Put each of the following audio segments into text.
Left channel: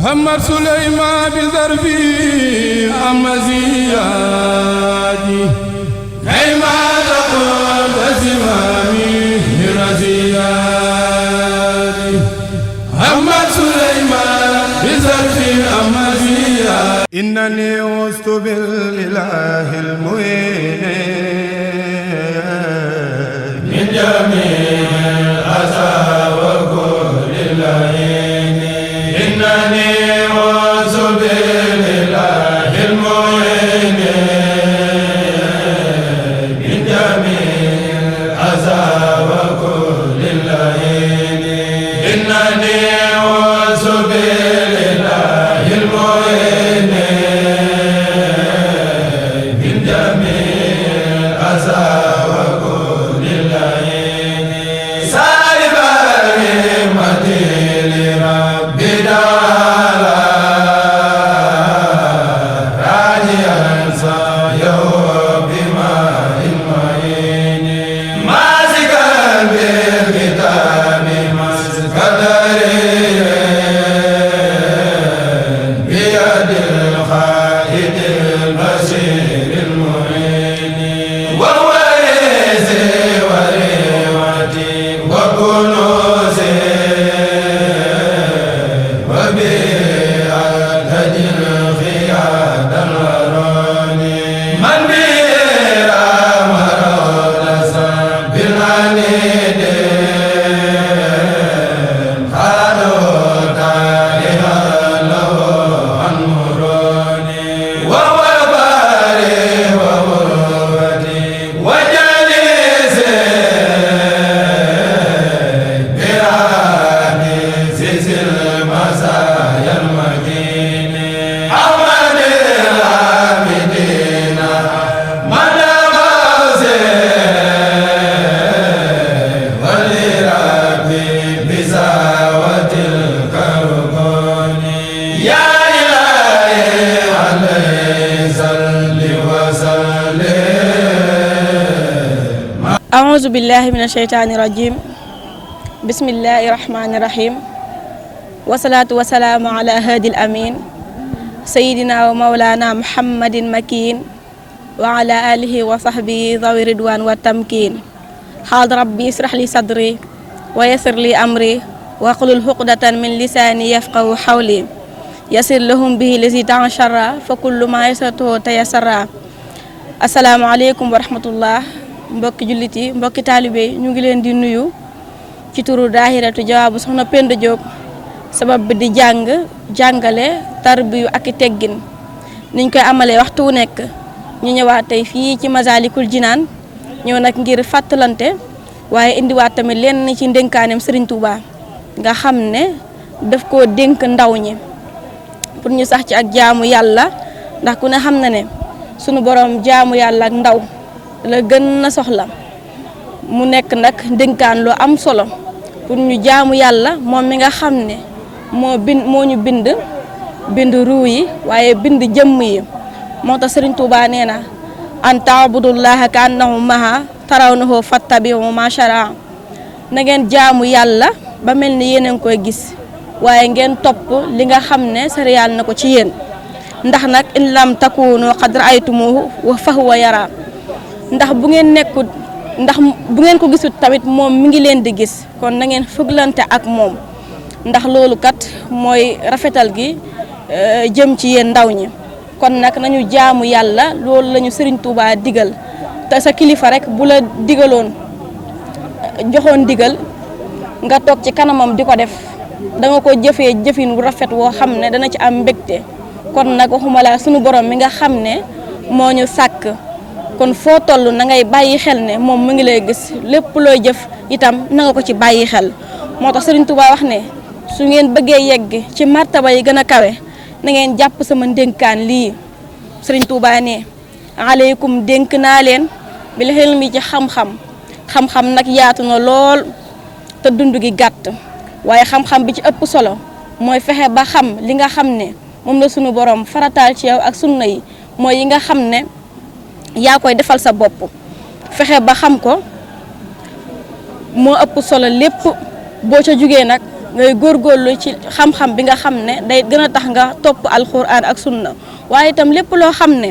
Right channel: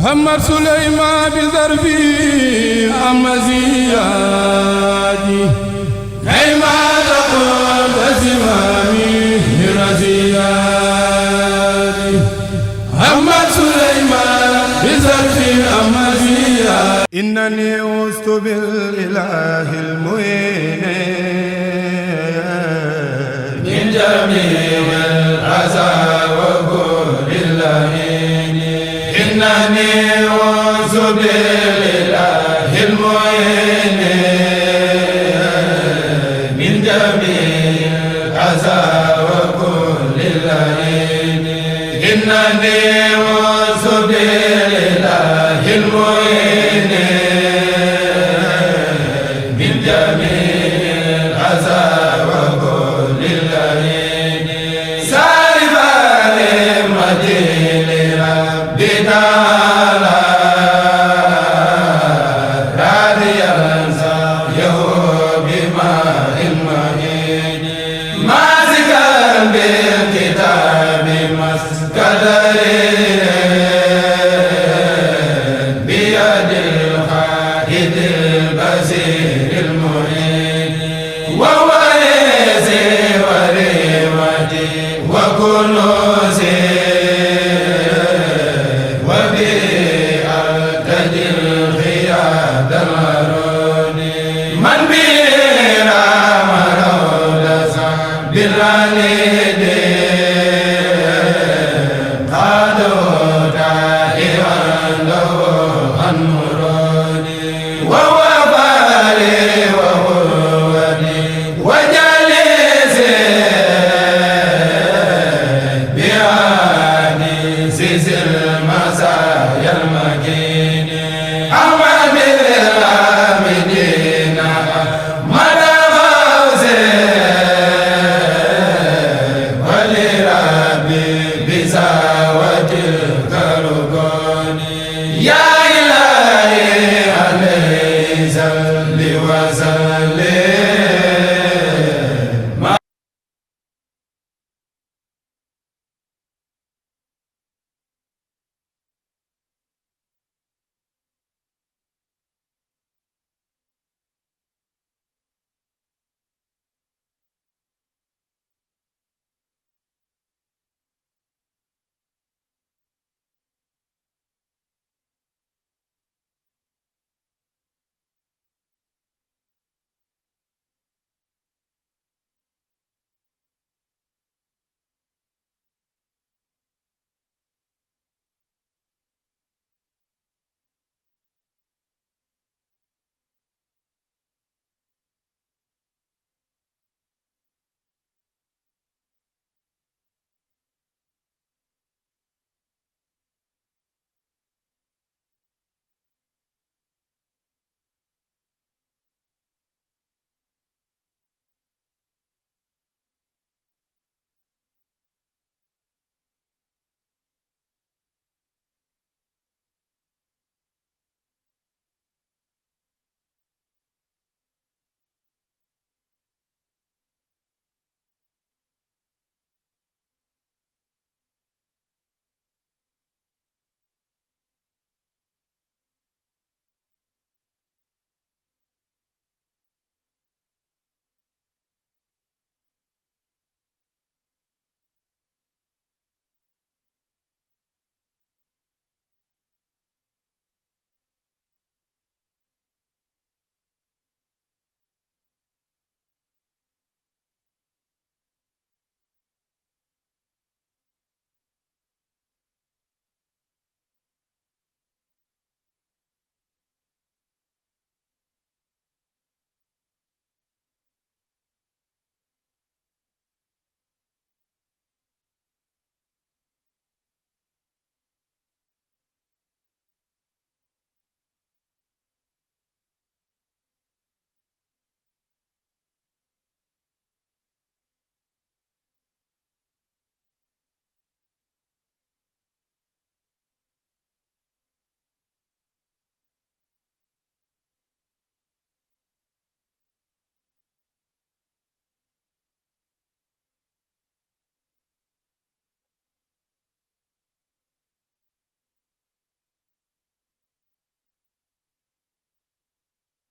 محمد سليمان بذربي أمزيادي هيما تقول زمامي رزيادي محمد سليمان بذربي أمزيادي إنني وست بالإله المعين من جميع الأذى وكل اللعين إنني وست بالإله المعين من جميع الأذى وكل اللعين إنني وست بالإله المعين من جميع الأذى وكل اللعين سالبا لمدين ربي دارا راديا سعيه بماء المعين ماسكا بالكتاب مسك دليل بيد القائد البصير المعين وهو يزي وريوتي وكنوزي وبأدج الخياد الهروني من بيرا مرودسا بالعنيد خادوا دائما له المروني وهو باري وولودي وجليسي بأنيس المزايا المكين أحمد العابدين مدى غوثي ولربي بزاوة الكركون يا إلهي عليه صل وسلم. أعوذ بالله من الشيطان الرجيم بسم الله الرحمن الرحيم والصلاة والسلام على هادي الأمين سيدنا ومولانا محمد المكين وعلى آله وصحبه ذوي الرضوان والتمكين حاضر ربي اشرح لي صدري ويسر لي أمري واحلل عقدة من لساني يفقهوا قولي يسر لهم به الذي تعشر فكل ما يسرته تيسر. asalaamaaleykum wa rahmatullah mbokki jullit yi mbokki taalibe yi ñu ngi leen di nuyu ci turu daahiratu jawaabu soxna Penda Diop sabab bi di jàngale tarbiyu ak i teggin niñ koy amalee waxtu wu nekk ñu ñëwaat tey fii ci Masaalikul Jinaan ñëw nag ngir fàttalante waaye indiwaat tamit lenn ci ndénkaaneem Serigne Touba nga xam ne daf koo dénk ndaw ñi pour ñu sax ci ak jaamu yàlla ndax ku ne xam na ne sunu borom jaamu yàlla ak ndaw la gën na soxla mu nekk nag ndénkaan lu am solo pour ñu jaamu yàlla moom mi nga xam ne moo ñu bind ruu yi waaye bind jëmm yi moo tax Serigne Touba nee na an taabudullaha ka annahu maha tarawnahu fattabihu ma shara na ngeen jaamu yàlla ba mel ni yéen a ngi koy gis waaye ngeen topp li nga xam ne sariyaal na ko ci yéen ndax nag in lam takunu qad ra'aytumuhu wa fahuwa yara ndax bu ngeen ko gisut tamit moom mi ngi leen di gis kon na ngeen fëglante ak moom ndax loolu kat mooy rafetal gi jëm ci yéen ndaw ñi kon nag nañu jaamu yàlla loolu lañu Serigne Touba digal te sa kilifa rek bu la joxoon digal nga toog ci kanamam di ko def danga ko jëfee jëfin bu rafet woo xam ne dana ci am mbégte kon nag waxuma la sunu borom mi nga xam ne moo ñu sàkk kon foo toll na ngay bàyyi xel ne moom mu ngi lay gis lépp looy jëf itam na nga ko ci bàyyi xel moo tax Serigne Touba wax ne su ngeen bëggee yegg ci martaba yi gën a kawe na ngeen jàpp sama ndénkaan lii Serigne Touba ne aleykum dénk naa leen bil hilmi ci xam-xam nag yaatu na lool te dund gi gàtt waaye xam-xam bi ci ëpp solo mooy fexe ba xam li nga xam ne moom la sunu borom farataal ci yow ak sunna yi mooy yi nga xam ne yaa koy defal sa bopp fexe ba xam ko moo ëpp solo lépp boo ca jugee nag ngay góorgóorlu ci xam-xam bi nga xam ne day gën a tax nga topp alxuraan ak sunna waaye itam lépp loo xam ne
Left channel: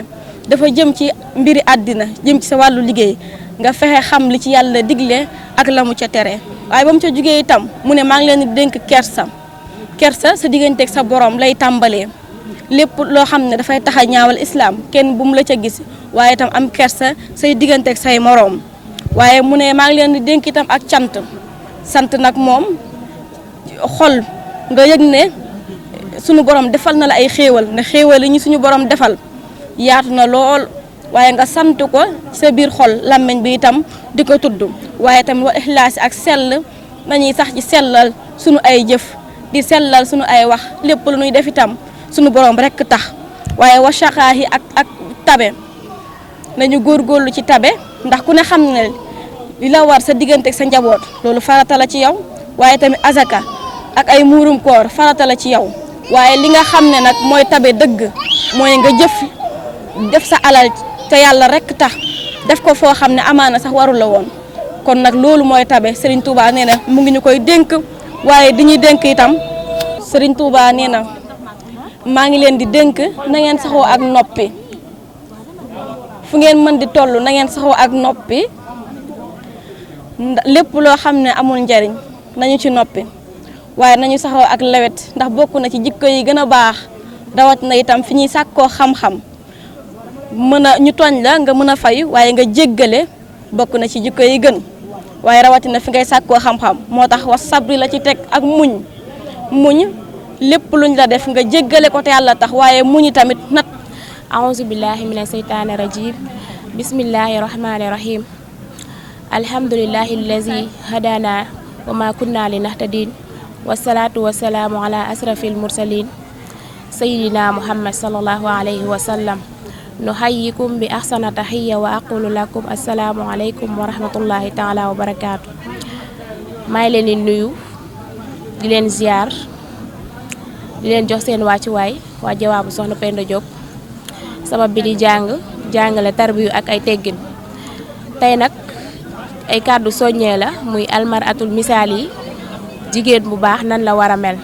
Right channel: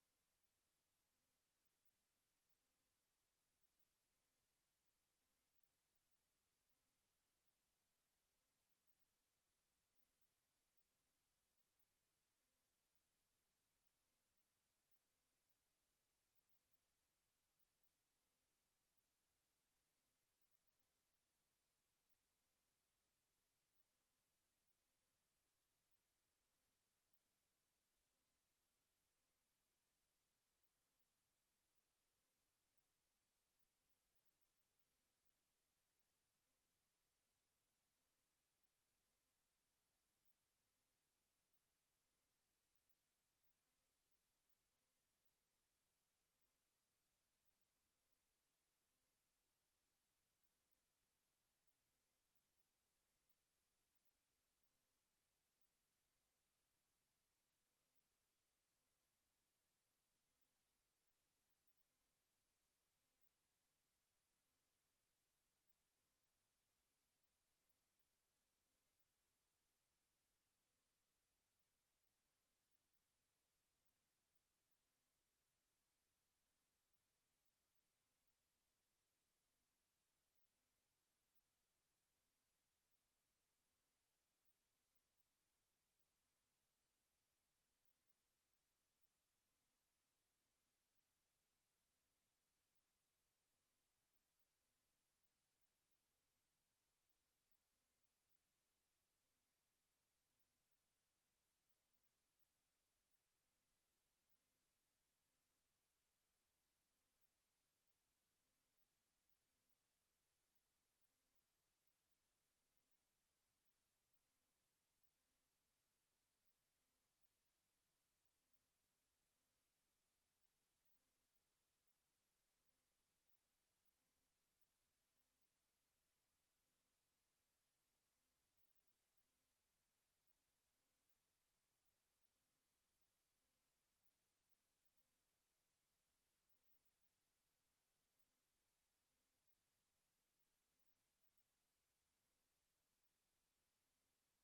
dafa jëm ci mbiri àddina jëm ci sa wàllu liggéey nga fexe xam li ci yàlla digle ak la mu ca tere waaye ba mu ca jugee itam mu ne maa ngi leen di dénk kersa sa digganteeg sa borom lay tàmbalee lépp loo xam ne dafay tax a ñaawal islaam kenn bu mu la ca gis waaye itam am kersa say digganteeg say moroom waaye mu ne maa ngi leen di dénk itam ak sant nag moom xol nga yëg ne sunu borom defal na la ay xéewal ne xéewal yi ñu suñu borom defal yaatu na lool waaye nga sant ko sa biir xol làmmiñ bi itam di ko tudd waaye tamit wa ixlaas ak sell nañuy sax ci sellal sunu ay jëf di sellal sunu ay wax lépp lu ñuy def itam sunu borom rekk tax waaye wa shaqaahi ak tabe nañu góorgóorlu ci tabe ndax ku ne xam ne li la war sa diggante ak sa njaboot loolu farata la ci yow waaye tamit azaka ak ay muurum koor farata la ci yow waaye li nga xam ne nag mooy tabe dëgg mooy nga def sa alal te yàlla rekk tax def ko foo xam ne amaana sax warul la woon kon nag loolu mooy tabe Serigne Touba nee na mu ngi ñu koy dénk waaye di ñuy dénk itam Serigne Touba nee na maa ngi leen di dénk na ngeen saxoo ak noppi fu ngeen mën di toll na ngeen saxoo ak noppi lépp loo xam ne amul njariñ nañu ci noppi waaye nañu saxoo ak lewet ndax bokk na ci jikko yi gën a baax rawat na itam fi ñuy sàkkoo xam-xam mën a ñu tooñ la nga mën a fay waaye nga jéggale bokk na ci jikko yi gën waaye rawatina fi ngay sàkkoo xam-xam moo tax was sabri la ci teg ak muñ lépp luñ la def nga jéggale ko te yàlla tax waaye muñi tamit nat a'uuzu billahi mina seytaani rajim bismillahi rahmani rahim alhamdulillahi allazi hadana wa ma kunna linahtadin wasalaatu wasalaamu ala asrafil mursalin sayidina muhammad sallallahu alayhi wa sallam nuhayyikum bi ahsana tahiyya wa aqulu lakum assalaamu alaykum wa rahmatullahi taala wa barakaatu maa ngi leen di nuyu di leen ziar di leen jox seen wàccuwaay waa jawaabu soxna Penda Diop sabab bi di jàngale tarbiyu ak ay teggin tey nag ay kàddu soññee la muy almaratul misaal yi jigéen bu baax nan la war a mel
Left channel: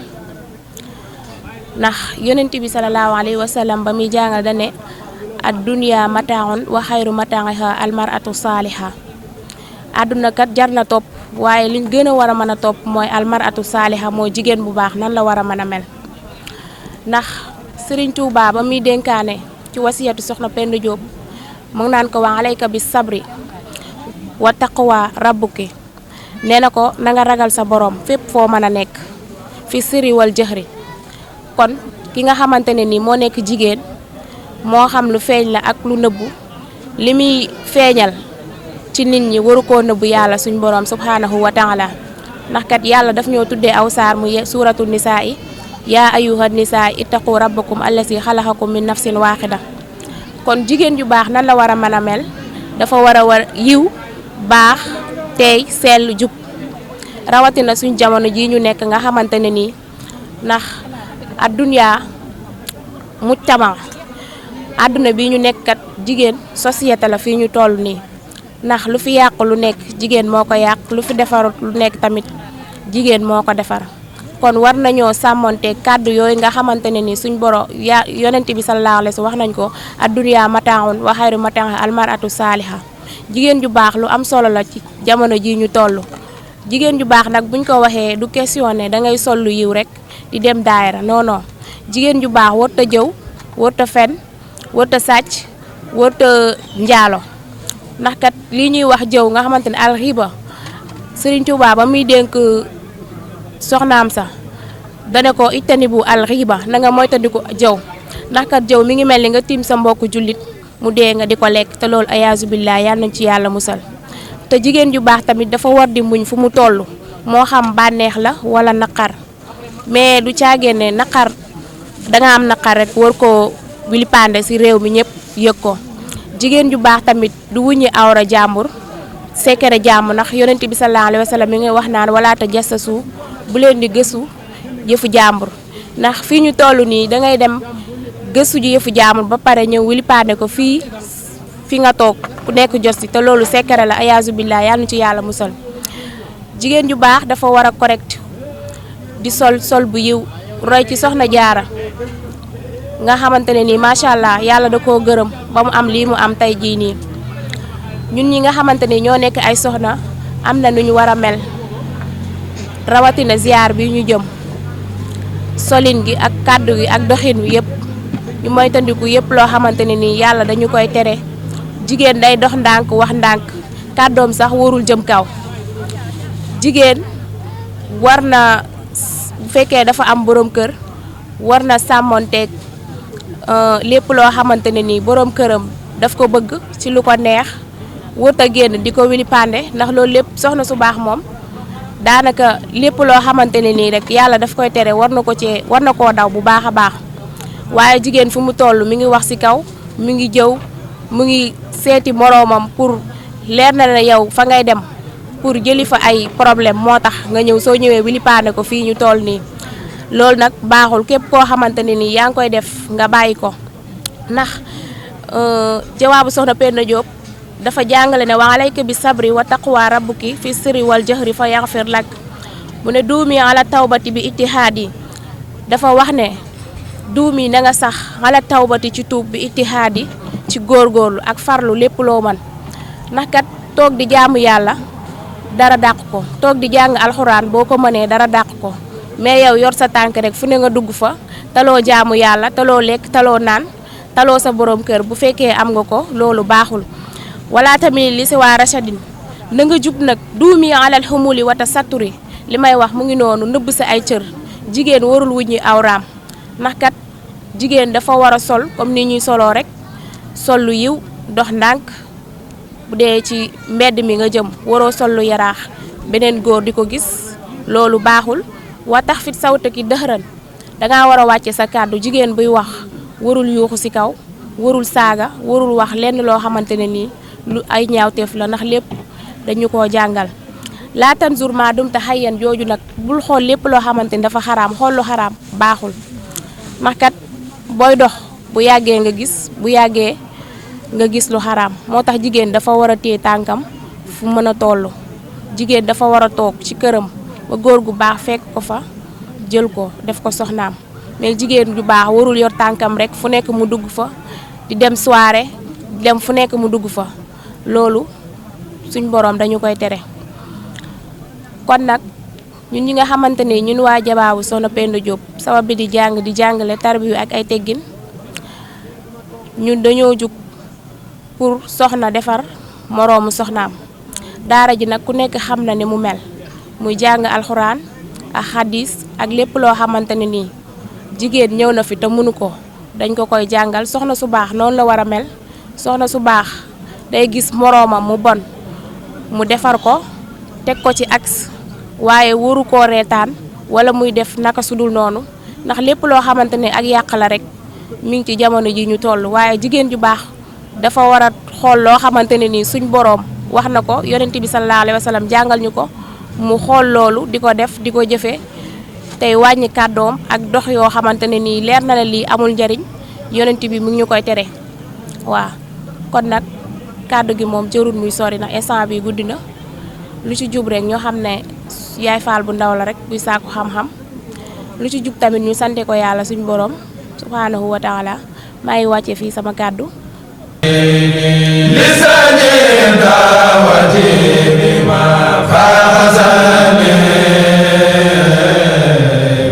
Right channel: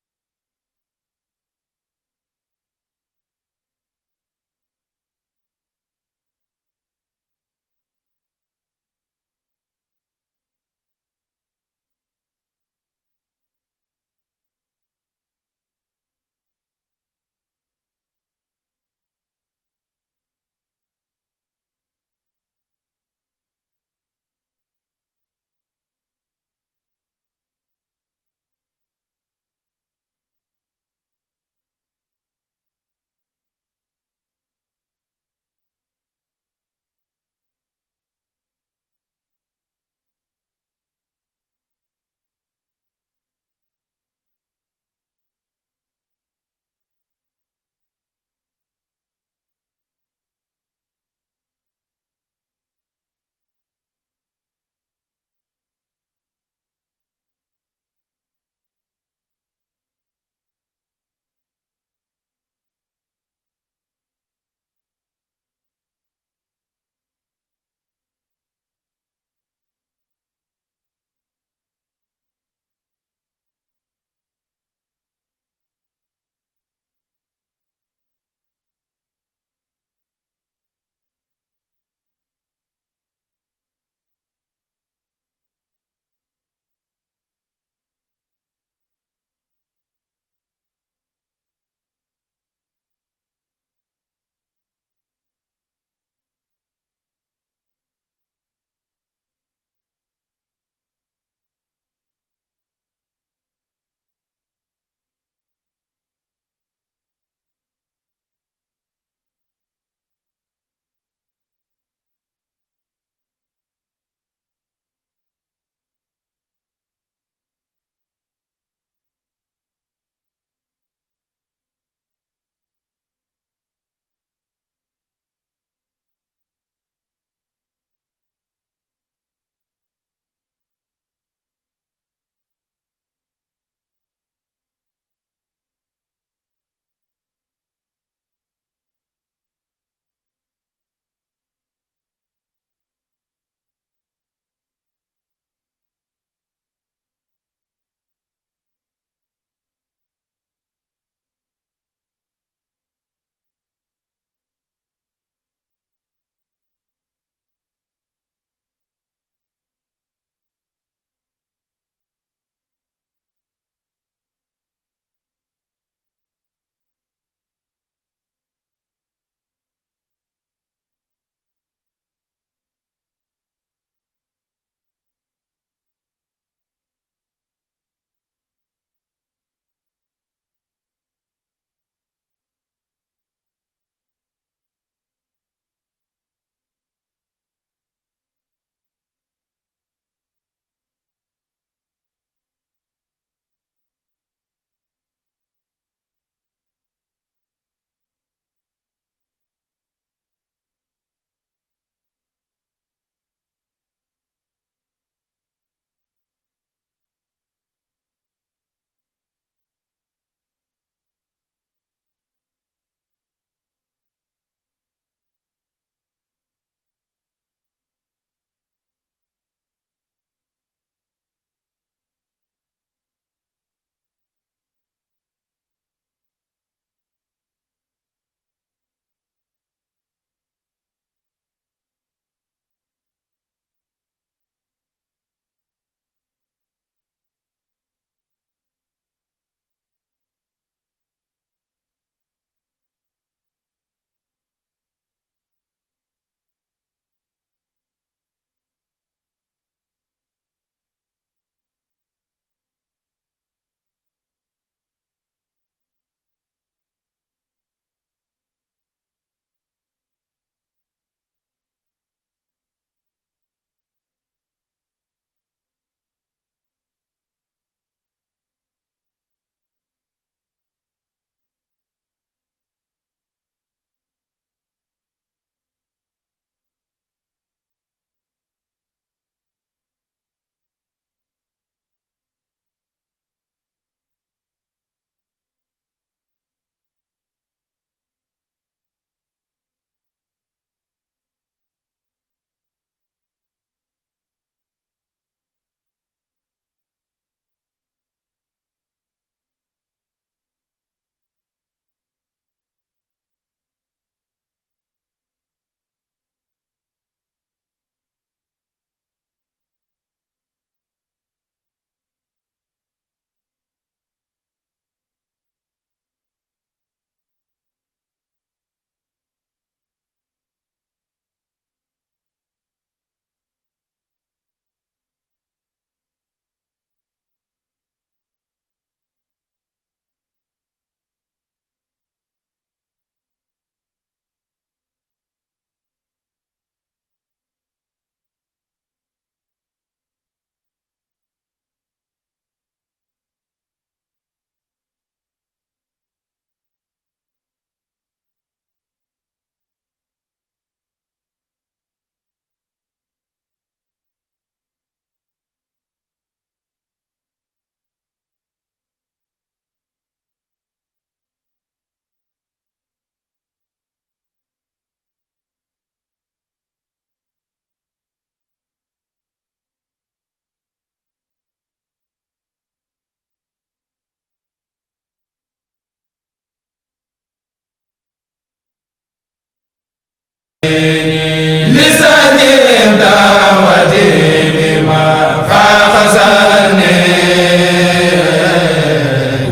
ndax yonent bi salallaahu alayhi wa sallam ba muy jàngal da ne ad dunya mataaun wa xayru mataaha almaratu saaliha àdduna kat jar na topp waaye liñ gën a war a mën a topp mooy almaratu saaliha mooy jigéen bu baax nan la war a mën a mel ndax Sëriñ Tuubaa ba muy dénkaane ci wasiyatu soxna Penda Diop mu ngi naan ko wa alayka bis sabri wa taqwa rabbuki nee na ko na nga ragal sa borom fépp foo mën a nekk fi sirri wal jëxri kon ki nga xamante ne ni moo nekk jigéen moo xam lu feeñ la ak lu nëbbu li muy feeñal ci nit ñi waru koo nëbbu yàlla suñ borom subhanahu wa taala ndax kat yàlla daf ñoo tuddee aw saar mu suuratu nisaa yi yaa ayyuha nisaa ittaqu rabbakum allasi xalaxakum min nafsin waaxida kon jigéen ju baax nan la war a mën a mel dafa war yiw baax teey sell jub rawatina suñ jamono ji ñu nekk nga xamante ne nii ndax adduna mujtama àdduna bi ñu nekk kat jigéen société la fii ñu toll nii ndax lu fi yàq lu nekk jigéen moo ko yàq lu fi defarut lu nekk tamit jigéen moo ko defar kon war nañoo sàmmonte kàddu yooyu nga xamante ne ni suñ boro yonent bi sallallahu alayhi wa sallam wax nañ ko adduniya mataaun wa xayru mataaha almaratu saaliha jigéen ju baax lu am solo la ci jamono ji ñu toll jigéen ju baax nag buñ ko waxee du question ne da ngay sol lu yiw rek di dem daayira non non jigéen ju baax warut a jëw warut a fen warut a sàcc warut a njaalo ndax kat lii ñuy wax jëw nga xamante ne alxiba Sëriñ Tuubaa ba muy dénk soxnaam sa dane ko ittani bu alxiba na nga moytandiku jëw ndax kat jëw mi ngi mel ni nga tiim sa mbokku jullit mu dee nga di ko lekk te loolu ayaasu billaah yal nañ ci yàlla musal te jigéen ju baax tamit dafa war di muñ fu mu toll moo xam bànneex la wala naqar mais du caagéen ne naqar danga am naqar rek war koo wilipande ci réew mi ñëpp yëg ko jigéen ju baax tamit du wuññi awra jàmbur sekere jàmm ndax yonent bi sallallahu alayhi wa sallam mi ngi wax naan wala ta jassasu bu leen di gëstu yëfu jàmbur ndax fii ñu toll nii dangay dem gëstu ji yëfu jàmbur ba pare ñëw wilipande ko fi nga toog ku nekk jos ci te loolu sekere la ayaasu billaah yal na ci yàlla musal jigéen ju baax dafa war a correct di sol bu yiw roy ci soxna jaara nga xamante ne nii macha allah yàlla da koo gërëm ba mu am lii mu am tey jii nii ñun ñi nga xamante ni ñoo nekk ay soxna am na nu ñu war a mel rawatina ziar bi ñu jëm solin gi ak kàddu gi ak doxin wi yëpp ñu moytandiku yëpp loo xamante ne nii yàlla dañu koy tere jigéen day dox ndànk wax ndànk kàddoom sax warul jëm kaw jigéen war na bu fekkee dafa am borom kër war na sàmmonteeg lépp loo xamante ne nii borom këram daf ko bëgg ci lu ko neex wut a génn di ko wili pande ndax loolu lépp soxna su baax moom daanaka lépp loo xamante ne nii rek yàlla daf koy tere war na koo daw bu baax a baax waaye jigéen fu mu toll mi ngi wax ci kaw mi ngi jëw mu ngi seeti moroomam pour leer na ne yow fa ngay dem pour jëli fa ay problème moo tax nga ñëw soo ñëwee wili pande ko fii ñu toll nii loolu nag baaxul képp koo xamante ne nii yaa ngi koy def nga bàyyi ko ndax jawaabu soxna Penda Diop dafa jàngale ne wa alayka bi sabri wa taqwa rabbuki fi sirri wal jahri fa yaghfir lak mu ne duumi ala tawbati bi ittihaadi dafa wax ne duumi na nga sax ala tawbati ci tuub bi ittihaadi ci góorgóorlu ak farlu lépp loo man ndax kat toog di jaamu yàlla dara dàq ko toog di jàng alxuraan boo ko mënee dara dàq ko mais yow yor sa tànk rek fu ne nga dugg fa taloo jaamu yàlla taloo lekk taloo naan taloo sa borom kër bu fekkee am nga ko loolu baaxul wala tamit li si waa rachadine na nga jub nag duumi alal xumuli wata saturi li may wax mu ngi noonu nëbb sa ay cër jigéen warul wuññi awraam ndax kat jigéen dafa war a sol comme ni ñuy soloo rek sol lu yiw dox ndànk bu dee ci mbedd mi nga jëm waroo sol lu yaraax beneen góor di ko gis loolu baaxul wa tax fit sawta ki dëxëran dangaa war a wàcce sa kàddu jigéen buy wax warul yuuxu ci kaw warul saaga warul wax lenn loo xamante ne nii lu ay ñaawteef la ndax lépp dañu koo jàngal laatan jour ma dum te xayyan jooju nag bul xool lépp loo xamante ni dafa xaraam xool lu xaraam baaxul ndax kat booy dox bu yàggee nga gis lu xaraam moo tax jigéen dafa war a téye tànkam fu mën a toll jigéen dafa war a toog ci këram ba góor gu baax fekk ko fa jël ko def ko soxnaam mais jigéen ju baax warul yor tànkam rek fu nekk mu dugg fa di dem soirée di dem fu nekk mu dugg fa loolu suñ boroom dañu koy tere kon nag ñun ñi nga xamante ne ñun waa jabaabu soxna Penda Diop sabab bi di jàngale tarbiyu ak ay teggin ñun dañoo jug pour soxna defar moroomu soxnaam daara ji nag ku nekk xam na ne mu mel muy jàng alxuraan ak xadis ak lépp loo xamante ne nii jigéen ñëw na fi te mënu ko dañ ko koy jàngal soxna su baax noonu la war a mel soxna su baax day gis moroomam mu bon mu defar ko teg ko ci axe waaye waru koo reetaan wala muy def naka sudul noonu ndax lépp loo xamante ne ak yàq la rek mi ngi ci jamono ji ñu toll waaye jigéen ju baax dafa war a xool loo xamante ne nii suñ boroom wax na ko yonent bi sallallahu alayhi wa sallam jàngal ñu ko mu xool loolu di ko def di ko jëfee tey wàññi kàddoom ak dox yoo xamante ne nii leer na la lii amul njariñ yonent bi mu ngi ñu koy tere waaw kon nag kàddu gi moom jërul muy sori na instant bi guddi na lu ci jub rek ñoo xam ne yaay faal bu ndaw la rek buy sàkku xam-xam lu ci jub tamit ñu sante ko yàlla suñu borom subhanahu wa taala maa ngi wàcce fii sama kàddu lisani dawati bima faxasani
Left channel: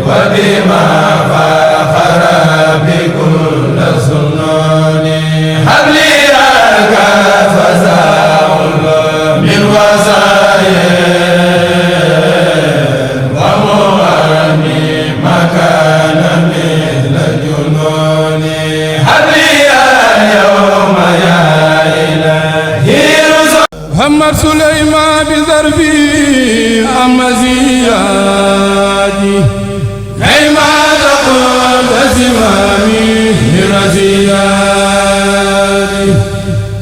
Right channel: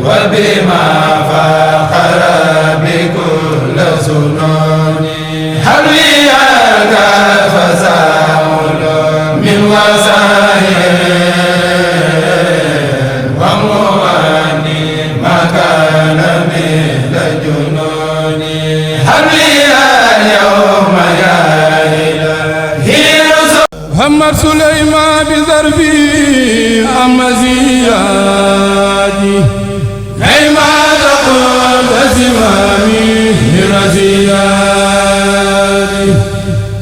wa bima faxara bi kull sunoni habliyaka fasaul min wasaye wa muani makana min junoni محمد سليمان بذربي أمزيادي كيما تقول زمامي برزيادي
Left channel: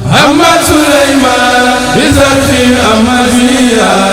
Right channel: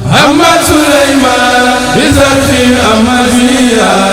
محمد سليمان بذربي أمزيادي